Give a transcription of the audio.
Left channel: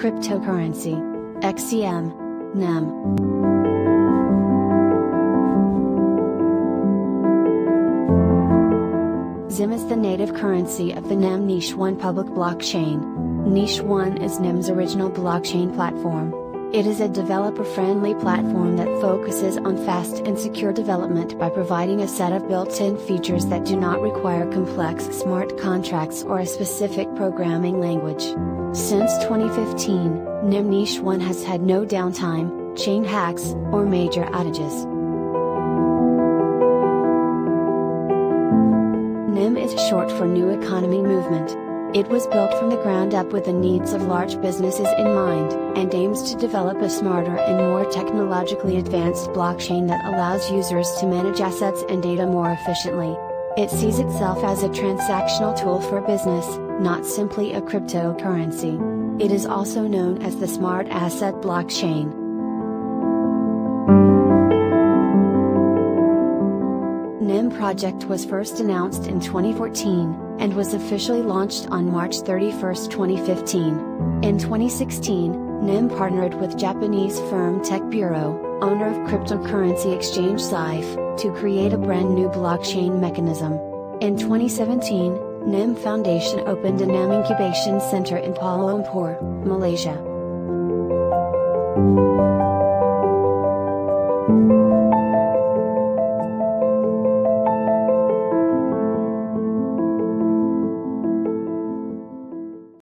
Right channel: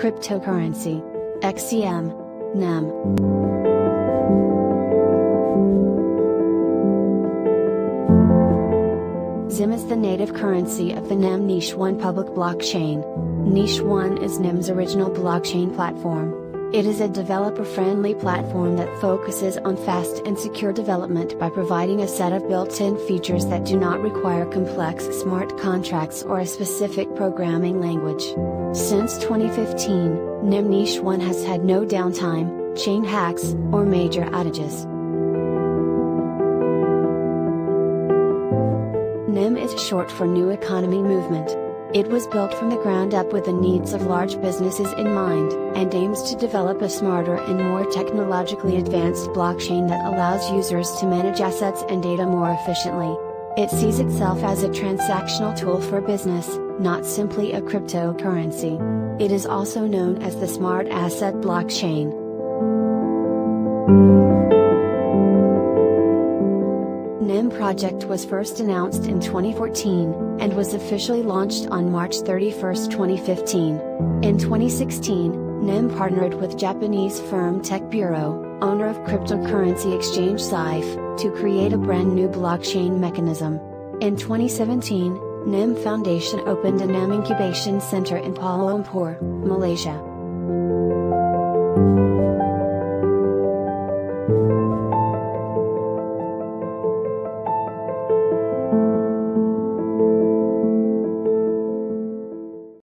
Cryptocurrency. XEM. NEM. XEM is the native currency of the NEM Niche 1 public blockchain. Niche 1 is NEM's original blockchain platform. It is a developer-friendly platform that focuses on fast and secure development by providing a set of built-in features that do not require complex smart contracts or a specific programming language. Since 2015, NEM Niche 1 has had no downtime, chain hacks, or major outages. NEM is short for New Economy Movement. It was built from the ground up with the needs of large businesses in mind, and aims to develop a smarter and more technologically advanced blockchain that allows users to manage assets and data more efficiently. It sees itself as a transactional tool for business, not simply a cryptocurrency. It is also known as the Smart Asset Blockchain. NEM project was first announced in 2014, and was officially launched on March 31, 2015. In 2016, NEM partnered with Japanese firm Tech Bureau, owner of cryptocurrency exchange Xife, to create a brand new blockchain mechanism. In 2017, NEM Foundation opened a NEM Incubation Center in Kuala Lumpur, Malaysia.